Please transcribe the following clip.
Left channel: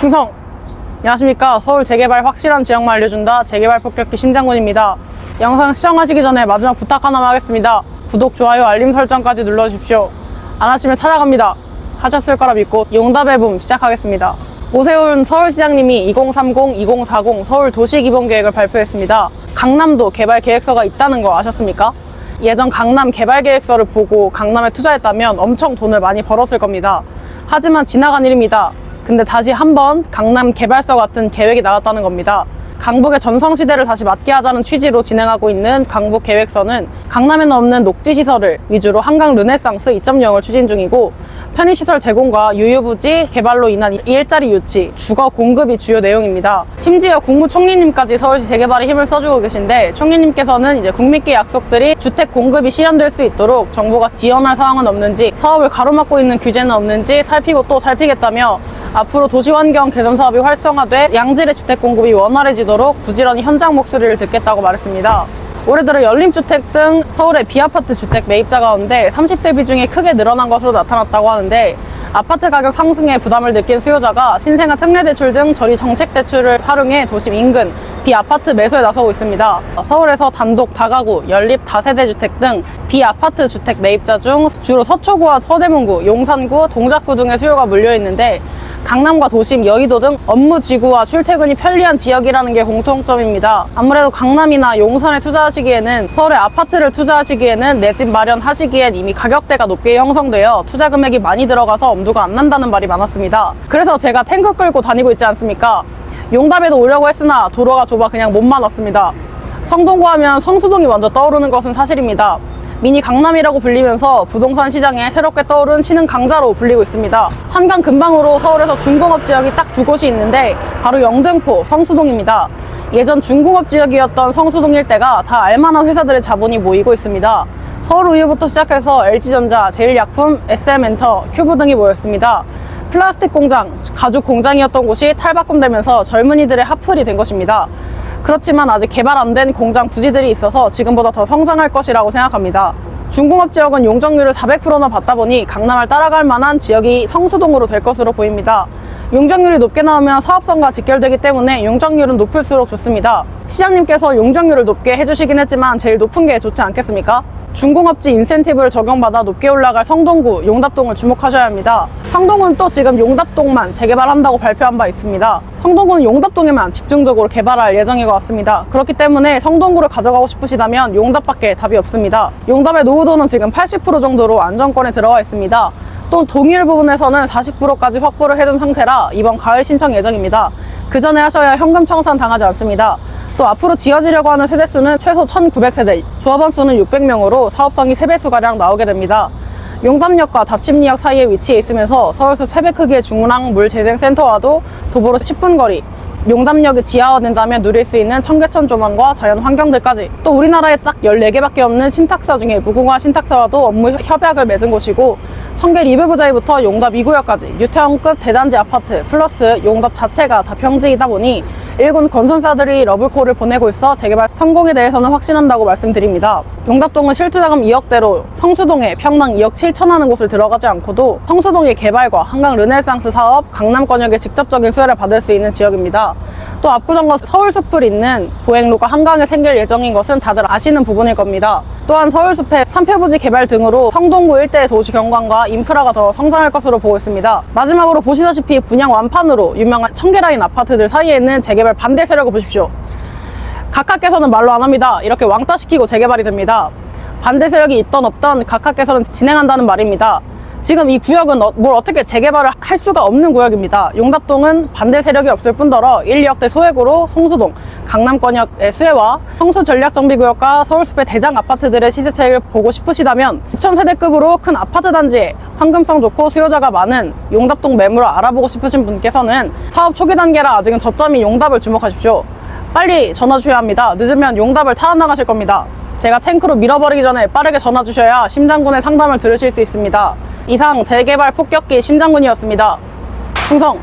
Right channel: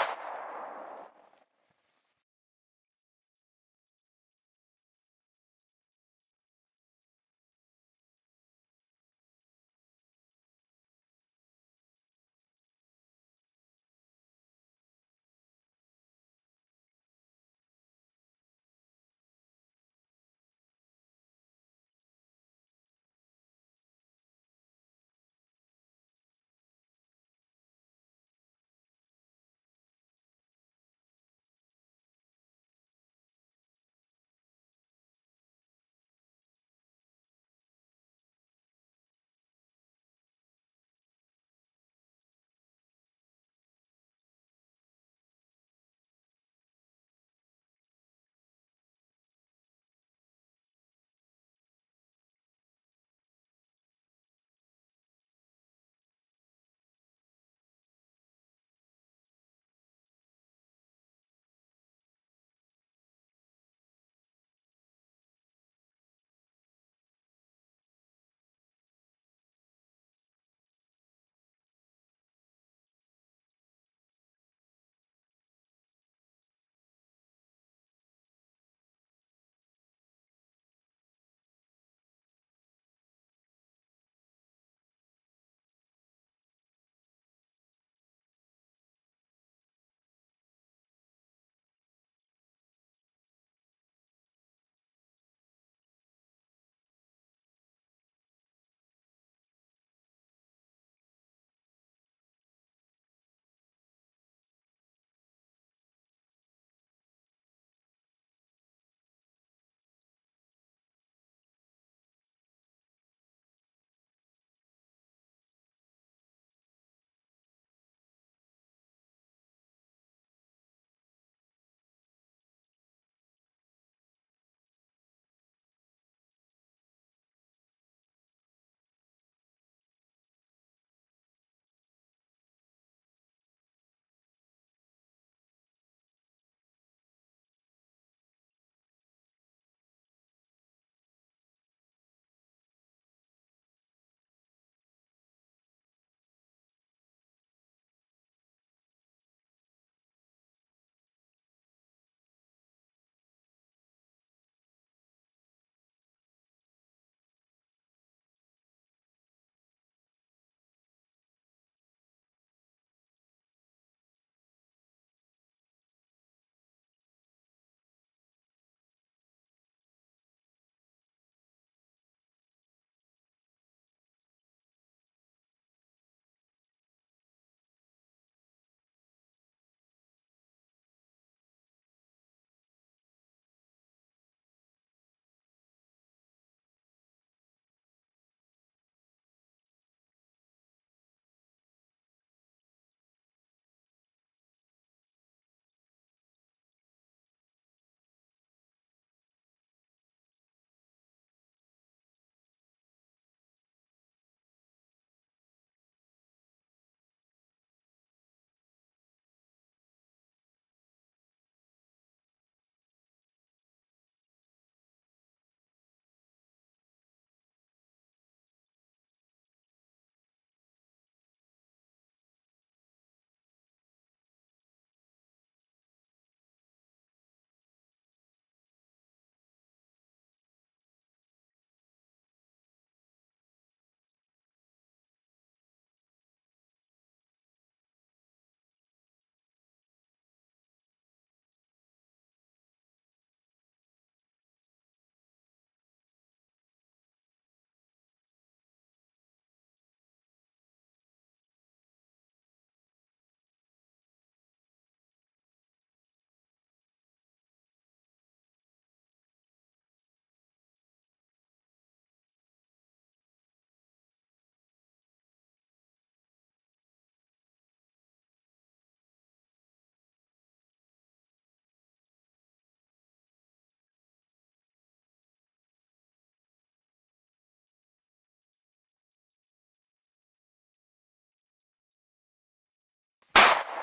충성! 안녕하십니까. 서울 재개발 확실한 지역만 알려준다. 재개발 폭격기 심장군입니다. 영상 시청하시기 전에 마지막 부탁 하나만 하겠습니다. 구독, 좋아요, 알림 설정까지 눌러주십시오. 안 하시면 찾아갑니다. 하셨을 거라 믿고 용답의 붐 시작하겠습니다. 오세훈 서울시장님이 2030, 2040 서울 도시기본계획을 발표했습니다. 강남도 개발 계획서가 있다는 거 아셨습니까? 예전 강남 개발 계획서를 보고 강남에 투자했다면 엄청 돈을 많이 벌었을 겁니다. 하지만 지나간 일입니다. 근데 다시 한번 강남 개발서 같은 계획이 나왔다는 겁니다. 강북의 전성시대를 다시 맞게 하자는 취지로 진행하고 있는 강북 계획서는 강남에는 없는 녹지시설을 위주로 한강 르네상스 2.0을 추진 중이고, 편의시설 제공과 유유부지 개발로 인한 일자리 유치, 주거 공급이 주요 내용입니다. 심지어 국무총리님까지 서울시 재개발에 힘을 써주고 계신데, 총리님께서는 이제 국민께 약속들이 주택 공급이 실현될 수 있도록 정부가 지원할 사항은 없는지, 사업을 가로막고 있는 규제는 없는지 살피고 또 살피겠다며, 앞으로 도시환경 개선 사업이 활성화돼 양질의 주택 공급이 원활해지도록 부지런히 현장 목소리를 듣겠다고 말했습니다. 올해 들어 연립주택 등 서울의 비아파트 주택 매입자 가운데 30대 비중이 크게 늘어난 것으로 나타났다고 하는데, 아파트 가격 상승에 부담을 느낀 수요자가 신생아 특례대출 등 저리 정책대출을 활용해 도심 인근 비아파트 매수에 나서고 있습니다. 서울에서 단독, 다가구, 연립, 다세대 주택 등 비아파트 주택 매입자 중 주로 서초구와 서대문구, 용산구, 동작구 등의 수요가 몰려있는데, 강남과 도심, 여의도 등 업무 지구와 출퇴근이 편리한 지역이라는 게 공통점입니다. 아무래도 강남이나 용산에 투자하시기에는, 서울의 아파트를 투자하시기에는, 내 집 마련하시기엔 이미 가격대가 높게 형성되어 투자 금액이 많이 들어가서 엄두가 안 난다는 말이 많았습니다. 그래서 제가 탱크 끌고 다니고 있지 않습니까? 용답에도 오려고 했으나 도로가 좁아 그냥 몸만 왔습니다. 성동구 하면 성수동이 먼저 떠오르는 것은 사실입니다. 미니 강남이라고 불리면서 부동산 시장에 새롭게 떠오른 신흥 강자로 불리고 있습니다. 한강 근방으로 서울에서 중공업 지역이 딱 두 곳이 있는데, 바로 영등포, 성수동입니다. 예전 중공업 지역이었던 성수동 일대가 다 알만한 회사들의 자본이 모이고 있습니다. 서울우유부터 시작해서 LG전자, 제일약품, SM엔터, 큐브 등이 모였습니다. 플라스틱 공장, 가죽 공장이었던 곳이 탈바꿈되면서 젊은이들의 핫플이 된 것입니다. 그렇지만 아직 개발 안 된 공장 부지들이 있어서 지금보다 더 성장할 것이라고 생각합니다. 중공업 지역은 용적률을 400%나 받다 보니 강남을 따라갈 만한 지역이 성수동으로 될 것으로 보입니다. 용적률이 높게 나오면 사업성과 직결되기 때문에 용적률은 높을수록 좋습니다. 시장님께서 용적률을 높게 해주시긴 했지만 제일 높은 게 좋지 않겠습니까? 중공업지 인센티브를 적용받아 높게 올라갈 성동구, 용답동을 주목하셔야 합니다. 성동은 또 지금 용답동만 재개발한다고 발표한 바 있습니다. 성동구는 용답동에만 집중적으로 개발할 예정인 것 같습니다. 그렇기 때문에 성동구를 가져가고 싶으시다면 용답밖에 답이 없습니다. 용답의 노후도는 지금 80% 정도로 안정권에 들어가 있습니다. 또 동의율 부분에서는 40%까지 확보를 해둔 상태라 이번 가을 신청 예정입니다. 그 전에 하셔야 현금 청산 당하지 않습니다. 또 앞으로 지어지려고 하는 세대수는 최소 1900세대, 조합원 수는 600명으로 사업성이 3배수가량 나오게 됩니다. 용담역과 답심리역 사이에 위치해 있으면서 서울숲 3배 크기의 중랑 물재생센터와도 도보로 10분 거리, 용담역이 지하화된다면 누릴 수 있는 청계천 조망과 자연 환경들까지, 또 우리나라에 딱 14개밖에 없는 신탁사 중에 무궁화 신탁사와도 업무 협약을 맺은 곳이고, 청계 리베부자이부터 용답 2구역까지 유태원급 대단지 아파트 플러스 용답 자체가 다 평지이다 보니 일군 건설사들이 러블콜을 보내고 있어 재개발 성공에 대해서는 확신한다고 말씀드립니다. 용답동은 실투자금 2억대로 성수동에 평당 2억 7천 하는 곳을 들어가지 않고도 성수동의 개발과 한강 르네상스 사업, 강남권역의 직접적인 수혜를 받을 수 있는 지역입니다. 또 압구정과 서울숲을 잇는 보행로가 한강에 생길 예정인 것은 다들 아시는 부분일 겁니다. 또한 서울숲의 산표부지 개발 등으로 성동구 일대의 도시 경관과 인프라가 더 성장할 것으로 보고 있습니다. 마지막으로 보시다시피 분양 완판으로 유명한 청계라인 아파트들 사이에 있는 재개발 반대 세력을 보십시오. 각하께서는 말로 안 합니다. 이렇게 왕따시키고 재개발이 됩니다. 반대 세력이 있던 없던 각하께서는 진행한다는 말입니다. 지금 이 구역은 뭘 어떻게 재개발을 할 수가 없는 구역입니다. 용답동은 반대 세력이 없을 뿐더러 1, 2억대 소액으로 성수동, 강남권역의 수혜와 성수 전략정비구역과 서울숲의 대장 아파트들의 시세 차익을 보고 싶으시다면 6,000세대급으로 큰 아파트 단지에 황금성 좋고 수요자가 많은 용답동 매물을 알아보고 싶으신 분께서는 사업 초기 단계라 아직은 저점이 용답을 주목하십시오. 빨리 전화 주셔야 합니다. 늦으면 용답을 탈환나가실 겁니다. 제가 탱크로 밀어버리기 전에 빠르게 전화 주셔야 심장군의 상담을 들으실 수 있습니다. 이상 재개발 폭격기 심장군이었습니다. 충성!